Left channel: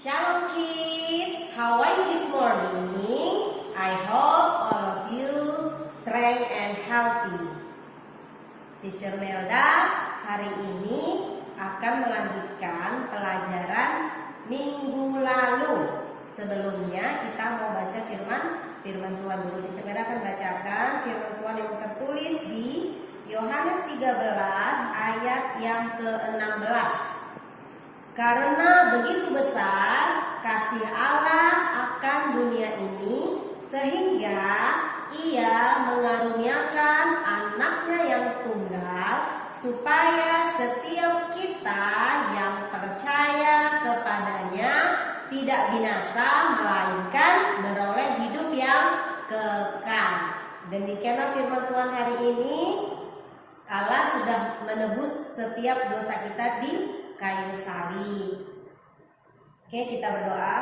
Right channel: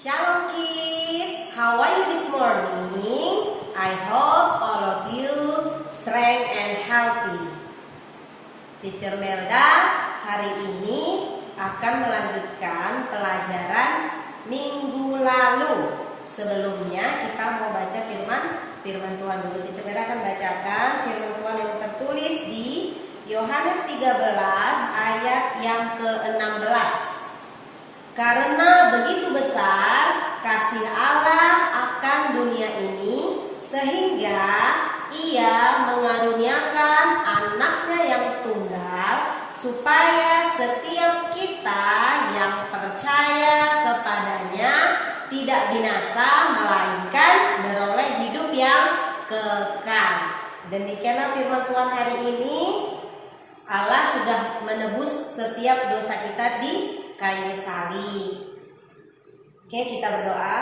Shalom kids, how are you this morning? I hope all of you strong and healthy. Teacher Melda hari ini akan melanjutkan pelajaran minggu lalu. Sebelumnya kita mau baca firman Tuhan dulu. Teacher Melda akan bacakan firman Tuhan yang tertulis di Yohanes 13 ayat yang ke-16. Karena begitu besar kasih Allah akan dunia ini, sehingga Ia mengaruniakan anaknya yang tunggal, supaya setiap kita yang percaya kepadanya tidak binasa, melainkan beroleh hidup yang kekal. Demikianlah firman Tuhan hari ini. Allah sudah menebus setiap dosa kita di kayu salib. Oke, kita berdoa.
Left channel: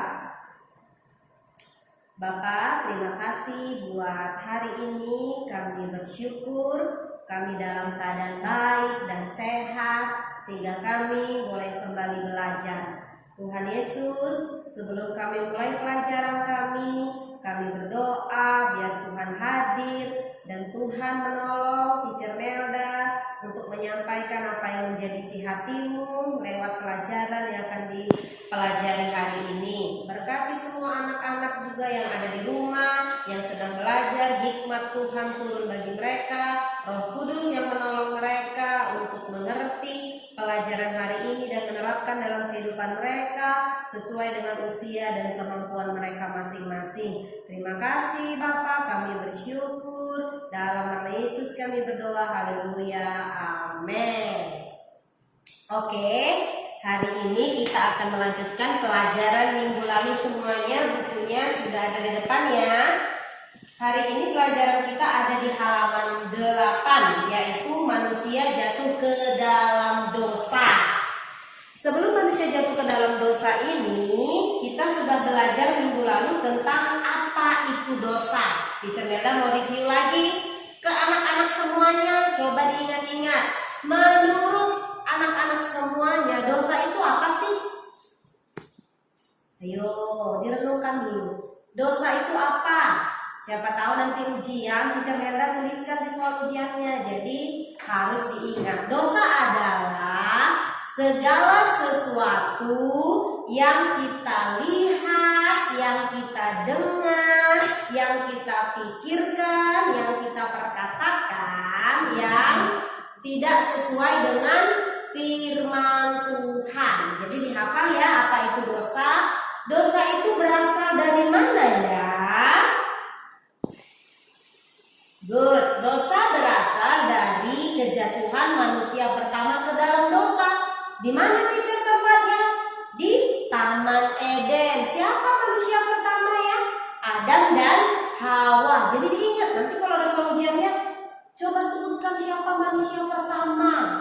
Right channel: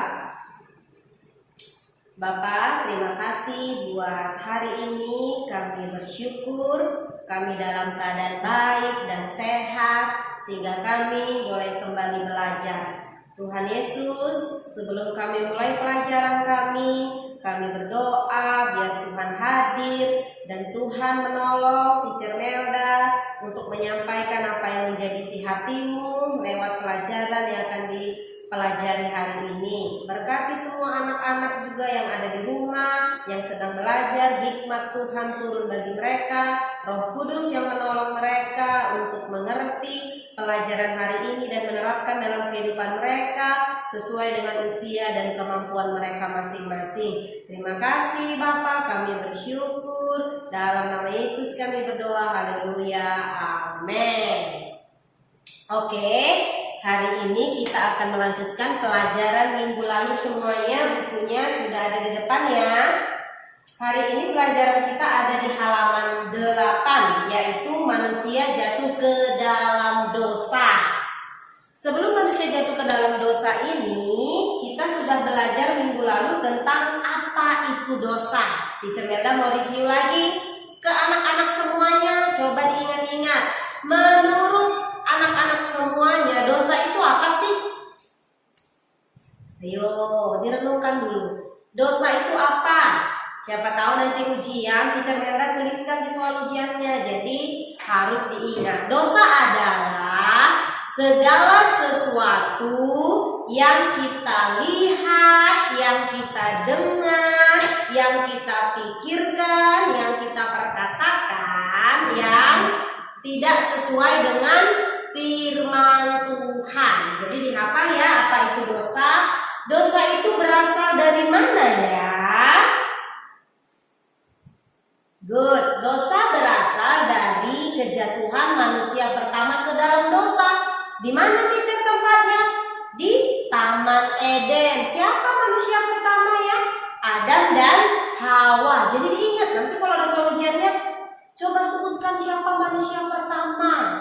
Bapa, terima kasih buat hari ini. Kami bersyukur kami dalam keadaan baik dan sehat, sehingga kami boleh kembali belajar. Tuhan Yesus, sebelum kami mulai pelajaran kami berdoa biar Tuhan hadir dan Tuhan menolong Teacher Melda untuk menyampaikan apa yang menjadi isi hatimu lewat pelajaran yang akan dipelajari hari ini. Berkati semua anak-anak juga yang ada di rumah, yang sedang belajar, hikmat Tuhan turun bagi mereka, Roh Kudus yang menolong mereka untuk mengerti pelajaran hari ini dan menerapkan dalam kehidupan mereka sesuai dengan usia dan kemampuan mereka masing-masing. Terima kasih Bapa, kami bersyukur. Dalam nama Yesus kami berdoa, haleluya, amin. Oke, hari ini kita akan melanjutkan pelajaran minggu lalu semuanya. Bukunya sudah ada di depan ya. Hari ini pelajaran kita ada di halaman 8, yaitu manusia jatuh ke dalam dosa. Sebelum manusia jatuh ke dalam dosa ini, kita sudah belajar minggu lalu tentang apa itu dosa. Teacher Melda mau review lagi ke anak-anak semuanya. Coba diingat-ingat. Menurut anak-anak semuanya, dosa itu apa sih? Ayo, direnungkan dulu. Dosa itu apa? Siapa tahu nanti ujian, Teacher Melda tuliskan di soal ujiannya. Jadi harus diingat. Dosa adalah segala sesuatu yang kita lihat, yang kita dengar, yang kita pikirkan, yang kita perkatakan, yang tidak sesuai dengan firman Tuhan. Jadi dihafal ya apa itu dosa. Dosa itu berasal dari mana ya? Good. Dosa berasal dari kejatuhan manusia pertama ke dalam dosa. Di mana teacher tempatnya? Di Taman Eden. Siapa manusia pertama ya? Adam dan Hawa. Jadi diingat nanti kalau ada soal ujiannya, coba sebutkan siapa manusia pertama.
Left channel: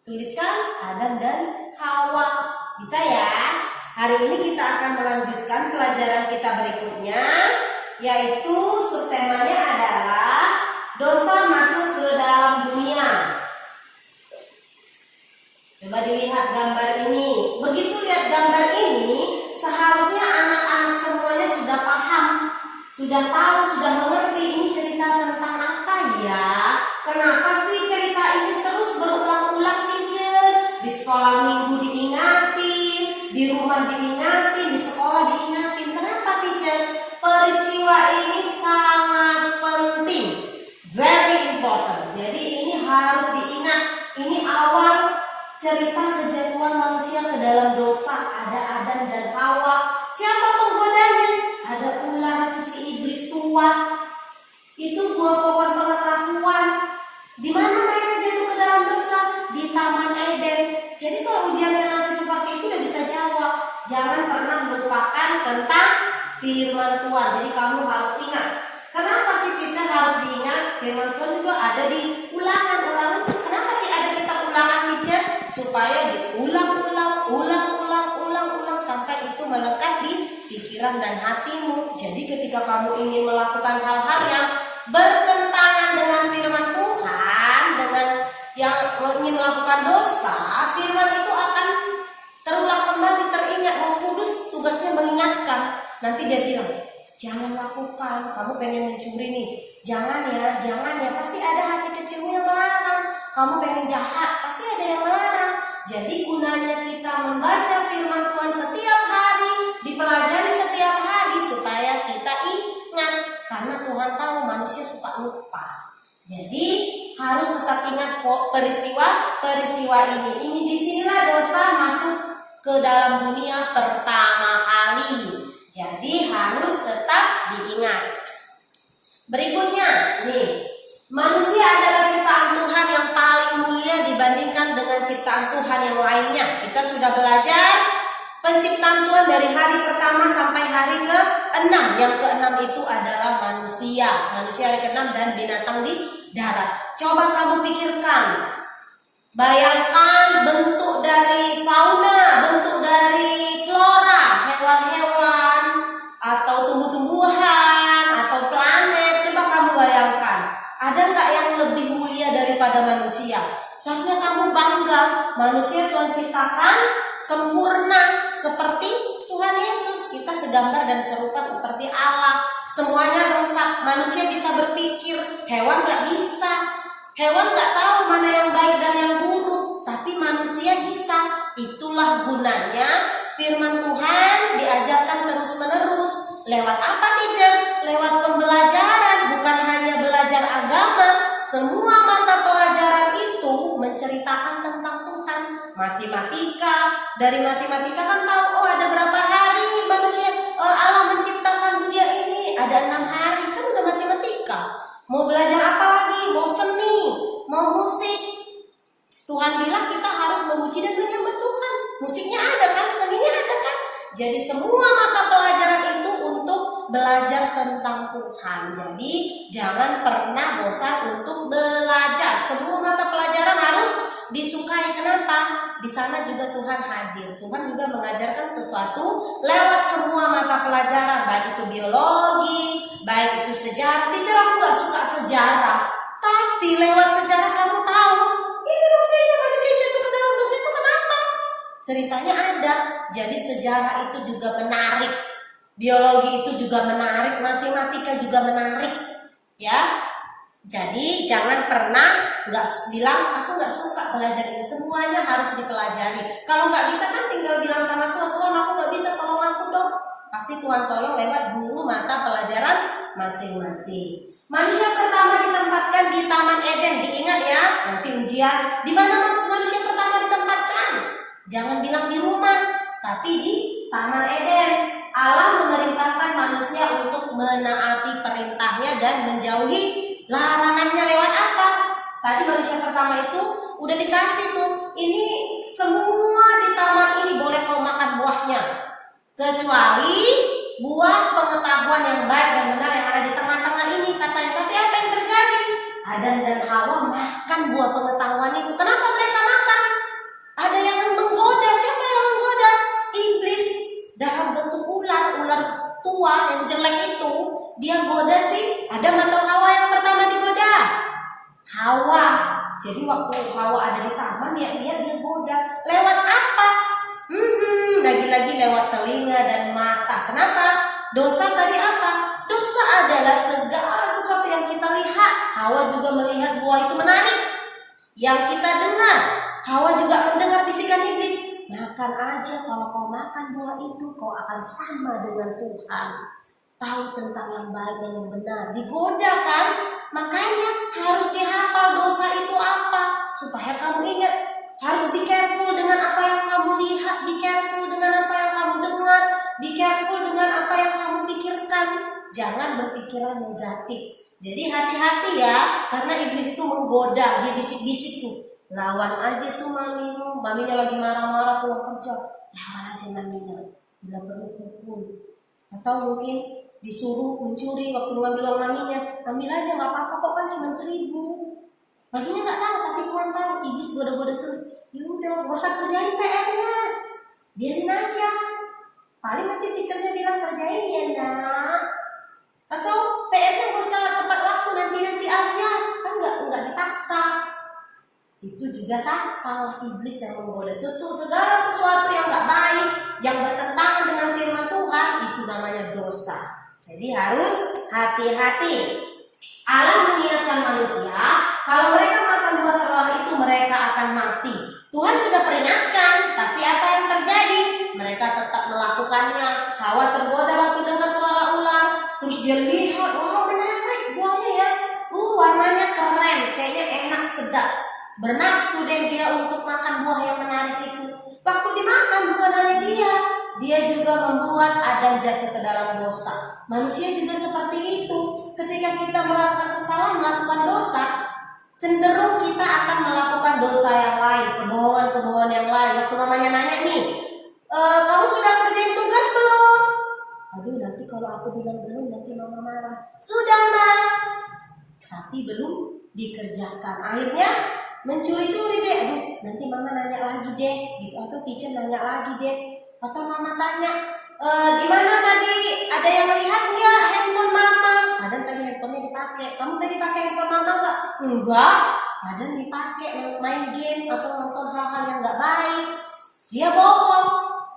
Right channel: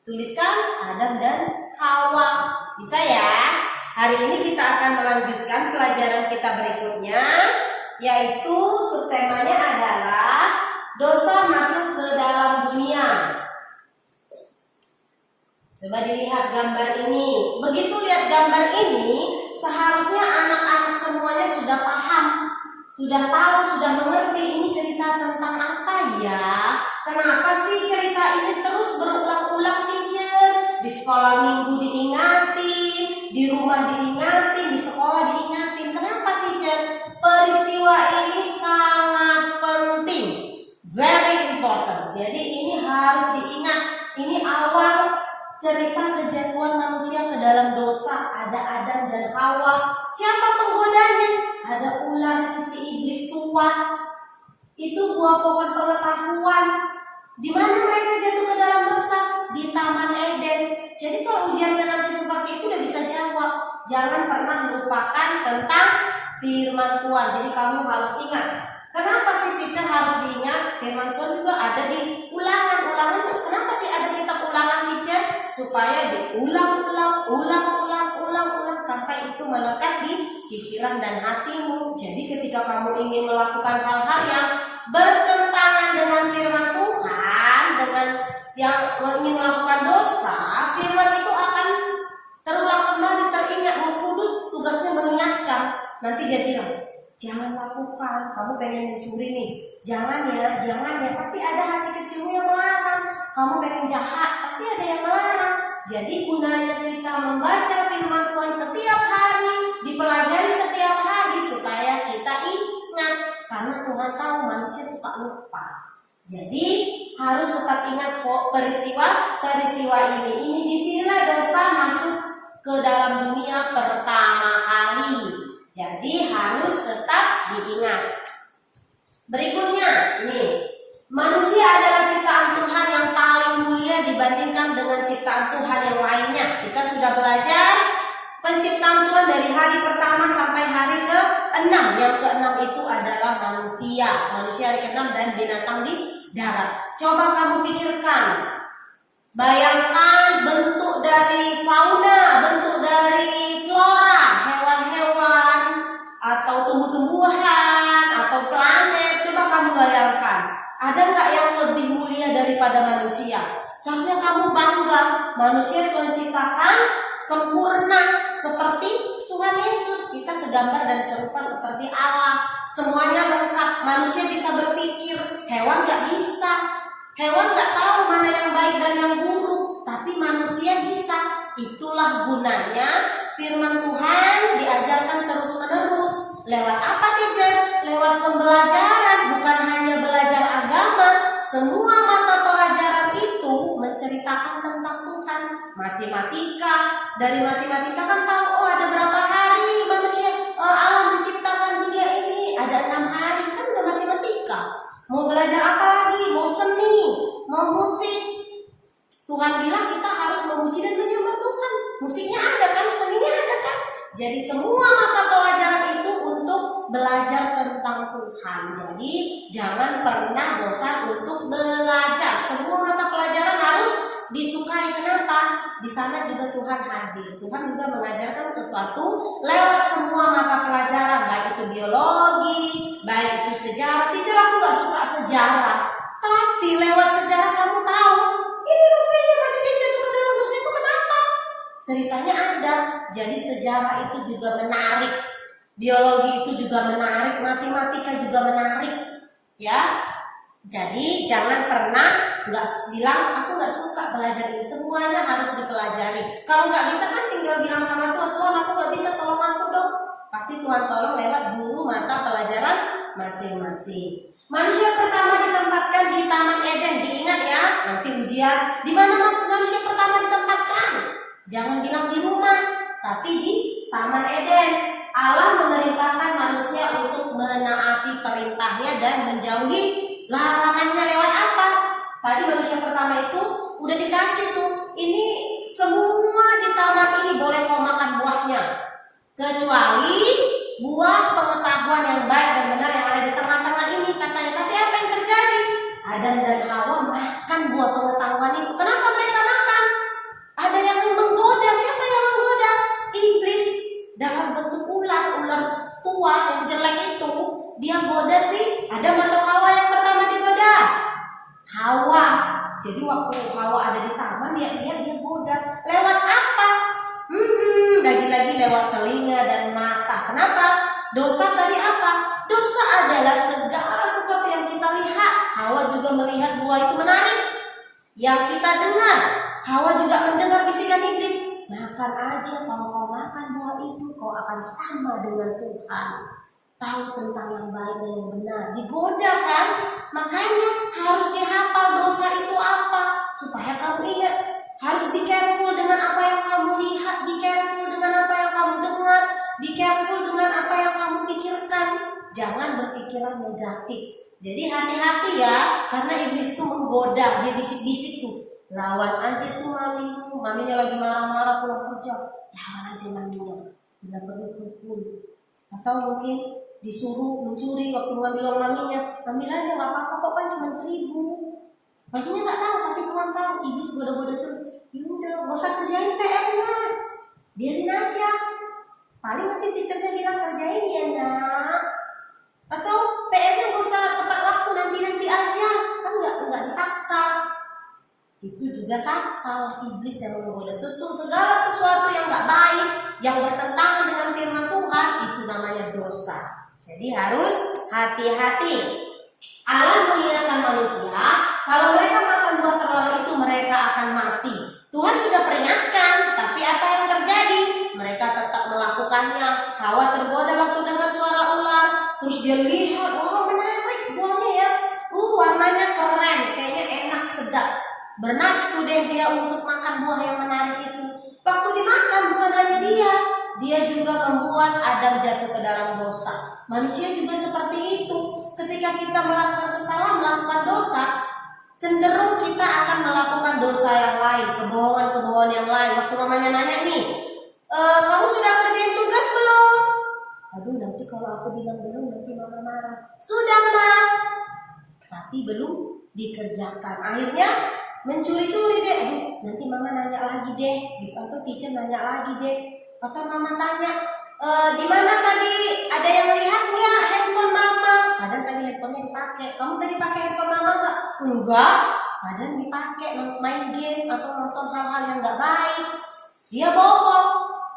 Tuliskan Adam dan Hawa. Bisa ya? Hari ini kita akan melanjutkan pelajaran kita berikutnya, yaitu subtemanya adalah dosa masuk ke dalam dunia. Coba dilihat gambar ini. Begitu lihat gambar ini, seharusnya anak-anak semuanya sudah paham, sudah tahu, sudah mengerti ini cerita tentang apa ya. Kenapa sih cerita ini terus berulang-ulang teacher? Di sekolah minggu diingatin, di rumah diingatin, di sekolah diingatin. Kenapa teacher? Peristiwa ini sangat penting, very important. Jadi ini harus diingat. Ini awal cerita kejatuhan manusia ke dalam dosa. Ada Adam dan Hawa. Siapa penggodanya? Ada ular, itu si iblis tua. Itu buah pohon pengetahuan. Di mana mereka jatuh ke dalam dosa? Di Taman Eden. Jadi kalau ujiannya nanti seperti itu udah bisa jawab. Jangan pernah lupakan tentang firman Tuhan. Jadi kamu harus ingat. Kenapa sih teacher harus diingat? Firman Tuhan juga ada di ulangan-ulangan. Kenapa sih ada kitab ulangan teacher? Supaya diulang-ulang sampai itu melekat di pikiran dan hatimu. Jadi ketika kamu ingin melakukan hal-hal yang bertentangan dengan firman Tuhan, dengan yang ingin melakukan dosa, firman itu akan terulang kembali, teringat. Roh Kudus Nanti dia bilang, jangan lakukan, kamu pengen mencuri nih, jangan ya, pasti ada hati kecilmu yang melarang. Kamu pengen jahat, pasti ada yang melarang. Jadi gunanya kita membaca firman Tuhan setiap hari, dipelajari setiap hari supaya kita ingat. Karena Tuhan tahu manusia suka lupa. Jadi harus tetap ingat peristiwa ini. Disinilah dosa masuk ke dalam dunia pertama kali. Jadi harus tetap diingat. Berikutnya, nih, manusia adalah ciptaan Tuhan yang paling mulia dibandingkan dengan ciptaan Tuhan yang lainnya. Kita sudah belajar penciptaan Tuhan dari hari pertama sampai hari ke-6. Yang ke-6 itu adalah manusia. Manusia hari ke-6 dan binatang di darat. Coba kamu pikirkan. Bayangkan bentuk dari fauna, bentuk dari flora, hewan-hewan, atau tumbuh-tumbuhan, atau planet. Coba kamu bayangkan, ada nggak yang lebih mulia daripada manusia? Seharusnya kamu bangga, manusia Tuhan ciptakan sempurna seperti Tuhan Yesus. Kita segambar dan serupa seperti Allah. Semuanya lengkap. Manusia bisa berpikir, hewan nggak bisa. Hewan gak tahu mana yang baik dan yang buruk, tapi manusia bisa. Itulah gunanya firman Tuhan diajarkan terus-menerus. Lewat apa, teacher? Lewat pembelajaran, bukan hanya belajar agama. Semua mata pelajaran itu menceritakan tentang Tuhan. Matematika, dari matematika kan tahu, ada berapa hari manusia Allah menciptakan dunia ini. Ada 6 hari, kan udah matematika. Mau belajar apa lagi? Mau seni, mau musik. Tuhan bilang kita harus memuji dan menyembah Tuhan. Musiknya ada kan, seninya ada kan. Jadi semua mata pelajaran itu untuk belajar tentang Tuhan. Jadi jangan pernah bosan untuk belajar. Semua mata pelajaran harus disukai. Kenapa? Di sana juga Tuhan hadir. Tuhan juga mengajarkan sesuatu lewat semua mata pelajaran, baik itu biologi, baik itu sejarah. Teacher, aku gak suka sejarah, tapi lewat sejarah kamu tahu ini buktinya manusia jatuh ke dalam dosa itu kenapa? Ceritanya ada. Jadi sejarah itu juga menarik, biologi itu juga menarik, matematika juga menarik, ya. Jadi jangan pernah nggak bilang aku nggak suka belajar ini. Semuanya harus dipelajari. Kalau nggak bisa kan tinggal bilang sama Tuhan, Tuhan aku nggak bisa, tolong aku dong. Pasti Tuhan tolong lewat guru mata pelajaran masing-masing. Manusia pertama ditempatkan di Taman Eden. Diingat ya, nanti ujian. Di mana manusia pertama ditempatkan? Jangan bilang di rumah, tapi di Taman Eden. Allah memerintahkan manusia untuk menaati perintahnya dan menjauhi larangannya. Lewat apa? Tadi manusia pertama itu udah dikasih tuh, ini semua di taman ini boleh kau makan buahnya, kecuali buah pengetahuan yang baik dan benar yang ada di tengah-tengah ini katanya. Tapi apa yang terjadi? Adam dan Hawa makan buah pengetahuan itu. Kenapa mereka makan? Ada yang menggoda. Siapa yang menggoda? Iblis dalam bentuk ular tua yang jelek itu. Dia goda sih Adam atau Hawa yang pertama digoda? Hawa. Jadi waktu Hawa ada di taman, dia lihat, dia goda. Lewat apa? Lagi-lagi lewat telinga dan mata. Kenapa? Dosa tadi apa? Dosa adalah segala sesuatu yang kita lihat. Hawa juga melihat buah itu menarik. Yang kita dengar, Hawa juga mendengar bisikan iblis. Makan aja, kalau kau makan buah itu, kau akan sama dengan Tuhan. Tahu tentang yang baik dan yang benar. Digoda kan? Makanya harus dihafal dosa itu apa, supaya kamu ingat. Harus be careful dengan apa yang kamu lihat, be careful dengan apa yang kamu dengar, be careful dengan apa yang kamu pikirkan. Jangan berpikiran negatif. Jadi hati-hati ya, karena iblis itu menggoda. Dia bisik-bisik tuh, lawan aja tuh mamimu. Maminya lagi marah-marah pulang kerja, lawan aja maminya, bila perlu pukul. Atau mungkin disuruh mencuri waktu mengambil uang maminya, ambil aja nggak apa-apa kok, kan cuma 1.000. Maminya nggak tahu, tapi Tuhan tahu. Iblis goda-goda terus. Yaudah, gak usah kerjain PR-nya, biarin aja. Paling nanti teachernya bilang kerjain ya nak. Atau PR-nya gak usah tepat waktu, nanti aja. Kan nggak dipaksa. Itu juga salah iblis yang menggoda. Segala sesuatu yang nggak baik, yang bertentangan dengan firman Tuhan, itu namanya dosa. Jadi harus hati-hati. Allah mengingatkan manusia, kalau mereka makan buah terlarang itu mereka akan mati. Tuhan sudah peringatkan, tapi apa yang terjadi? Mereka tetap melakukannya. Hawa tergoda waktu dengar suara ular, terus dia lihat, wow menarik buahnya ya, warnanya keren, kayaknya enak, sedap. Bernafsu deh dia untuk makan buah yang menarik itu. Waktu dimakan bukan hanya dia juga membuat Adam jatuh ke dalam dosa. Manusia juga seperti itu. Ketika kita melakukan kesalahan, melakukan dosa, cenderung kita akan melakukan dosa yang lain, kebohongan-kebohongan yang lain. Waktu mamanya nanya nih, kamu sudah kerjain tugas belum? Aduh, nanti kalau aku bilang belum, nanti mama marah. Sudah, Ma. Tapi belum dikerjakan. Akhirnya mencuri-curi deh. Aduh, nanti mama nanya lagi deh, gitu. Atau teacher nanya lagi deh. Atau mama tanya, di mana tadi ada yang melihat nggak handphone mama? Padahal tadi handphonenya dipakai. Kamu tadi pakai handphone mama nggak? Enggak. Padahal dipakai main game atau nonton hal-hal yang nggak baik. Dia bohong.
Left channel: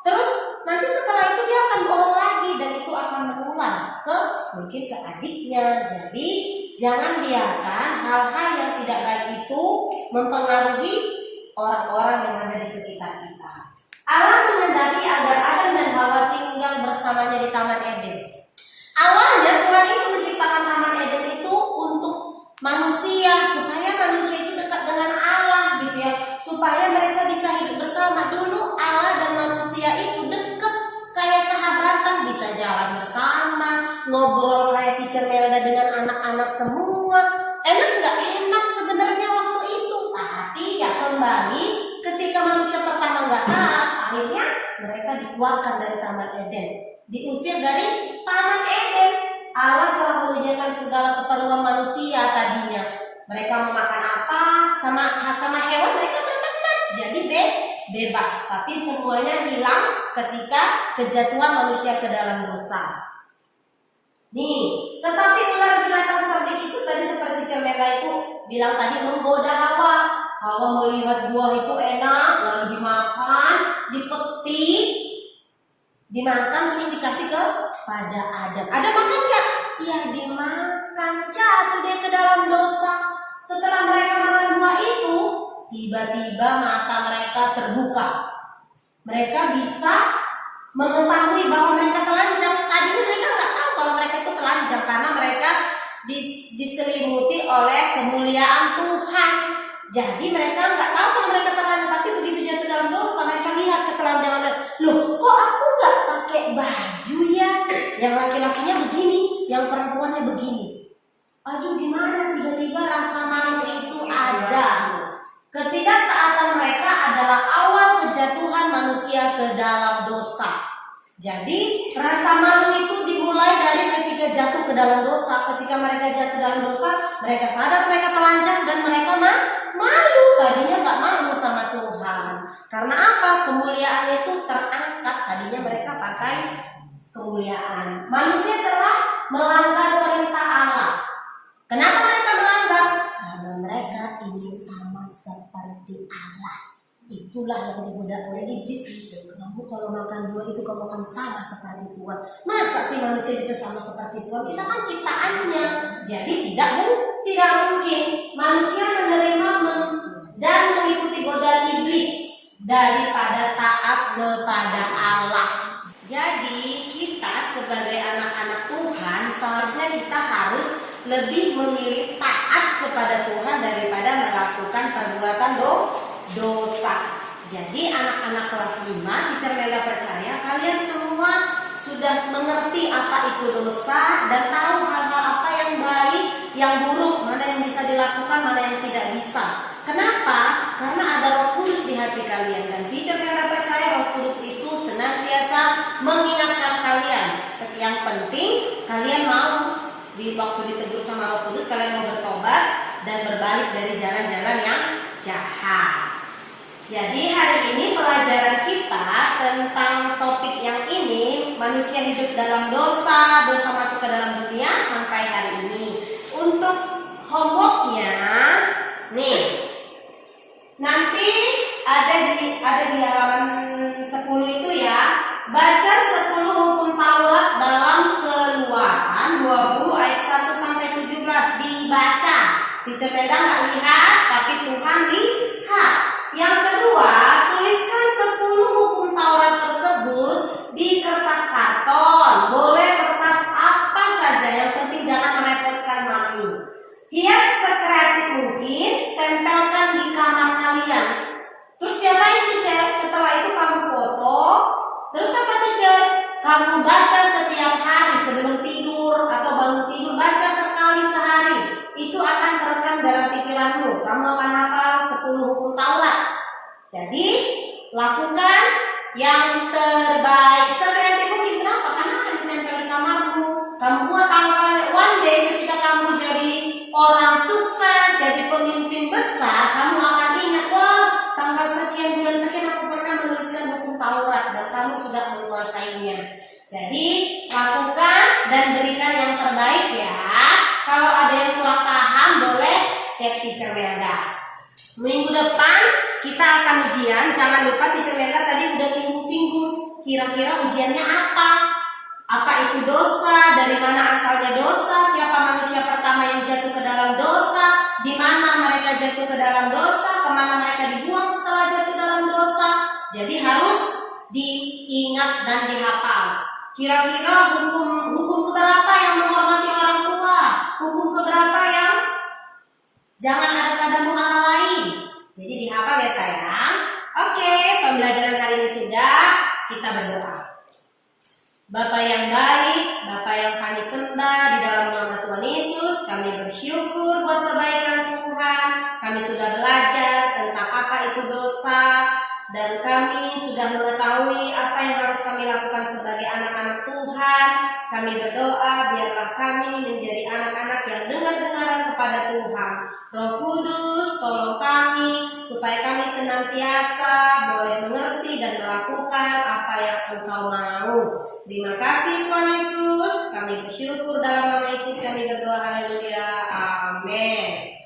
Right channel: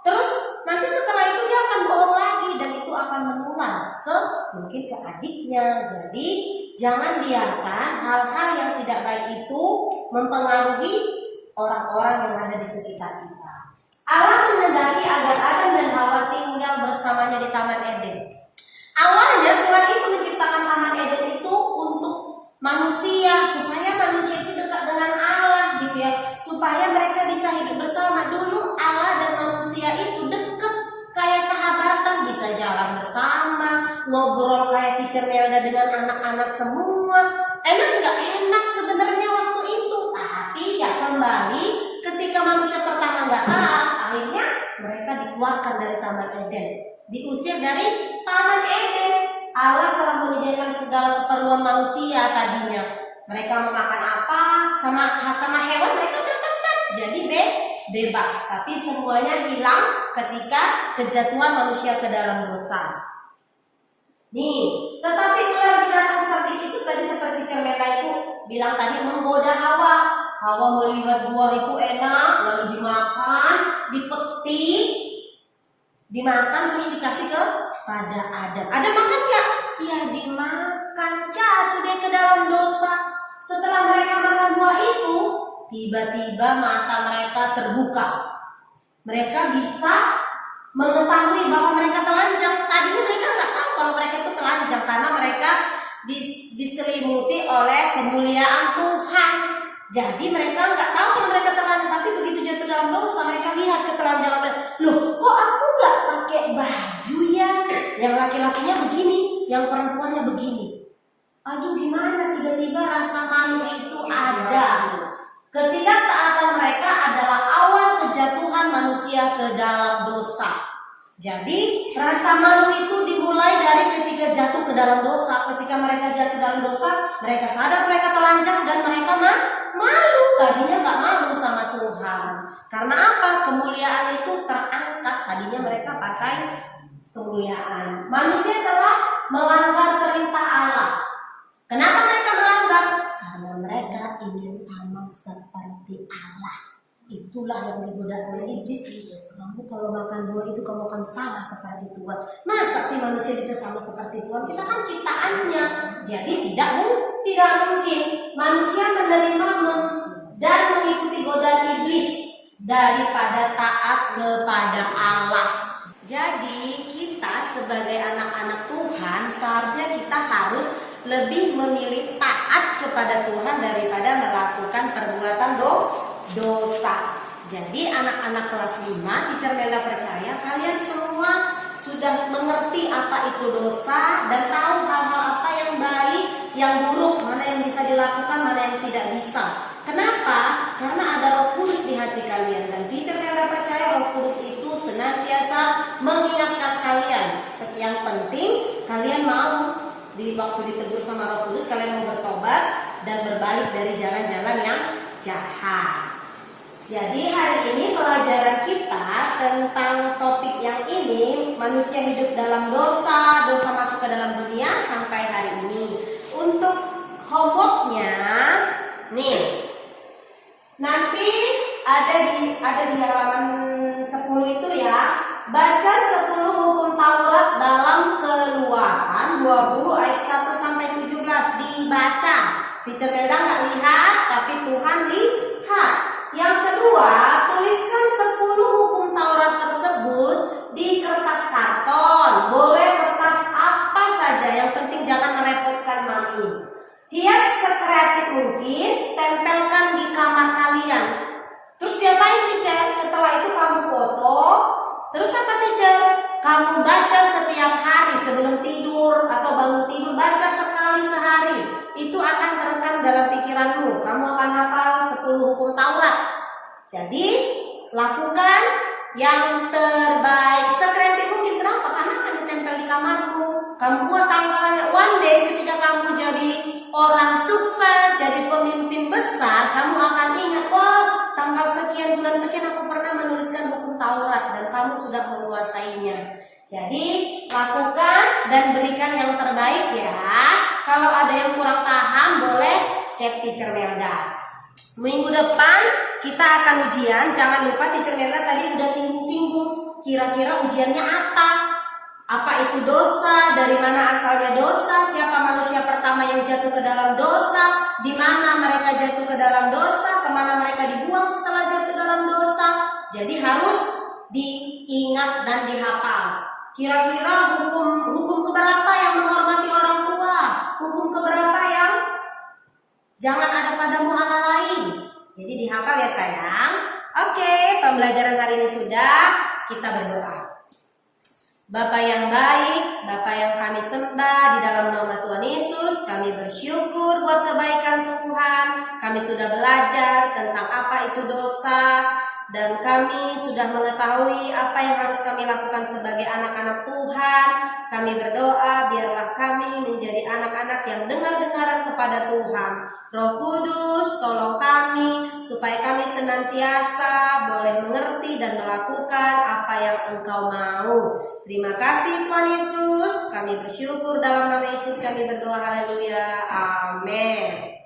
Terus nanti setelah itu dia akan bohong lagi dan itu akan menular mungkin ke adiknya. Jadi jangan biarkan hal-hal yang tidak baik itu mempengaruhi orang-orang yang ada di sekitar kita. Allah menghendaki agar Adam dan Hawa tinggal bersamanya di Taman Eden. Awalnya Tuhan itu menciptakan Taman Eden itu untuk manusia, supaya manusia itu dekat dengan Allah gitu ya, supaya mereka bisa hidup bersama. Dulu Allah dan manusia itu dekat, kayak sahabatan, bisa jalan bersama, ngobrol kayak teacher Melda dengan anak-anak semua. Enak nggak? Enak sebenarnya waktu itu. Tapi ya kembali, ketika manusia pertama nggak taat, akhirnya mereka dikeluarkan dari Taman Eden, diusir dari Taman Eden. Allah telah menyediakan segala keperluan manusia tadinya. Mereka mau makan apa, sama hewan mereka berteman, jadi bebas. Tapi semuanya hilang ketika kejatuhan manusia ke dalam dosa. Nih, tetapi ular binatang cerdik itu tadi seperti cermeta itu bilang tadi menggoda Hawa. Hawa melihat buah itu enak, lalu dimakan, dipetik, dimakan terus dikasih kepada Adam. Adam makan nggak? Ya dimakan, jatuh dia ke dalam dosa. Setelah mereka makan buah itu, tiba-tiba mata mereka terbuka. Mereka bisa mengetahui bahwa mereka telanjang. Tadinya mereka nggak tahu kalau mereka itu telanjang karena mereka diselimuti oleh kemuliaan Tuhan. Jadi mereka nggak tahu kalau mereka telanjang, tapi begitu jatuh dalam dosa mereka lihat ketelanjangan mereka. Loh, kok aku nggak pakai baju ya? Yang laki-lakinya begini, yang perempuannya begini. Aduh, gimana tiba-tiba rasa malu itu ada. Ketidaktaatan mereka adalah awal kejatuhan manusia ke dalam dosa. Jadi rasa malu itu dimulai dari ketika jatuh ke dalam dosa. Ketika mereka jatuh dalam dosa, mereka sadar mereka telanjang dan mereka malu. Tadinya nggak malu sama Tuhan. Karena apa? Kemuliaan itu terangkat. Tadinya mereka pakai kemuliaan. Manusia telah melanggar perintah Allah. Kenapa mereka melanggar? Karena mereka ingin sama seperti Allah. Itulah yang digoda oleh iblis. Kamu kalau makan buah itu kamu akan sama seperti Tuhan. Masa sih manusia bisa sama seperti Tuhan? Kita kan ciptaannya. Jadi tidak mungkin manusia menerima dan mengikuti godaan iblis daripada taat kepada Allah. Jadi kita sebagai anak-anak Tuhan seharusnya kita harus lebih memilih taat kepada Tuhan daripada melakukan perbuatan dosa. Jadi anak-anak kelas 5, Teacher Melda percaya kalian semua sudah mengerti apa itu dosa dan tahu hal-hal apa yang baik, yang buruk, mana yang bisa dilakukan, mana yang tidak bisa. Kenapa? Karena ada Roh Kudus di hati kalian dan Teacher Melda percaya Roh Kudus itu senantiasa mengingatkan kalian. Yang penting kalian mau di waktu ditegur sama Roh Kudus kalian mau bertobat dan berbalik dari jalan-jalan yang jahat. Jadi hari ini pelajaran kita tentang topik yang ini, manusia hidup dalam dosa, dosa masuk ke dalam dunia sampai hari ini. Untuk homeworknya, nih, nanti ada di halaman 10 itu ya. baca 10 hukum Taurat dalam Keluaran 20 ayat 1 sampai 17. Dibaca. Teacher Melda nggak lihat, tapi Tuhan lihat. Yang kedua, tuliskan 10 hukum Taurat tersebut di kertas karton. Boleh kertas apa saja, yang penting jangan merepotkan mami. Hias sekreatif mungkin, tempelkan di kamar kalian. Terus diapain teacher? Setelah itu kamu foto. Terus apa teacher? Kamu baca setiap hari sebelum tidur atau bangun tidur, baca sekali sehari. Itu akan terekam dalam pikiranmu. Kamu akan hafal 10 hukum Taurat. Jadi lakukan yang terbaik. Sekreatif mungkin, kenapa? Karena akan ditempel di kamarmu. Kamu buat tanggalnya. One day ketika kamu jadi orang sukses, jadi pemimpin besar, kamu akan ingat, wah, tanggal sekian bulan sekian aku pernah menuliskan hukum Taurat dan kamu sudah menguasainya. Jadi lakukan dan berikan yang terbaik ya. Kalau ada yang kurang paham, boleh cek Teacher Melda. Minggu depan kita akan ujian. Jangan lupa Teacher Melda tadi udah singgung-singgung. Kira-kira ujiannya apa? Apa itu dosa? Dari mana asalnya dosa? Siapa manusia pertama yang jatuh ke dalam dosa? Di mana mereka jatuh ke dalam dosa? Kemana mereka dibuang setelah jatuh dalam dosa? Jadi harus diingat dan dihafal. Kira-kira hukum keberapa yang menghormati orang tua? Hukum keberapa yang jangan ada padamu Allah lain? Jadi dihafal ya sayang. Oke, pembelajaran hari ini sudah. Kita berdoa. Bapa yang baik, Bapa yang kami sembah, di dalam nama Tuhan Yesus, kami bersyukur buat kebaikan Tuhan. Kami sudah belajar tentang apa itu dosa, dan kami sudah mengetahui apa yang harus kami lakukan sebagai anak-anak Tuhan. Kami berdoa biarlah kami menjadi anak-anak yang dengar-dengaran kepada Tuhan. Roh Kudus, tolong kami supaya kami senantiasa boleh mengerti dan melakukan apa yang Engkau mau. Terima kasih Tuhan Yesus. Kami bersyukur dalam nama Yesus kami berdoa. Haleluya. Amin.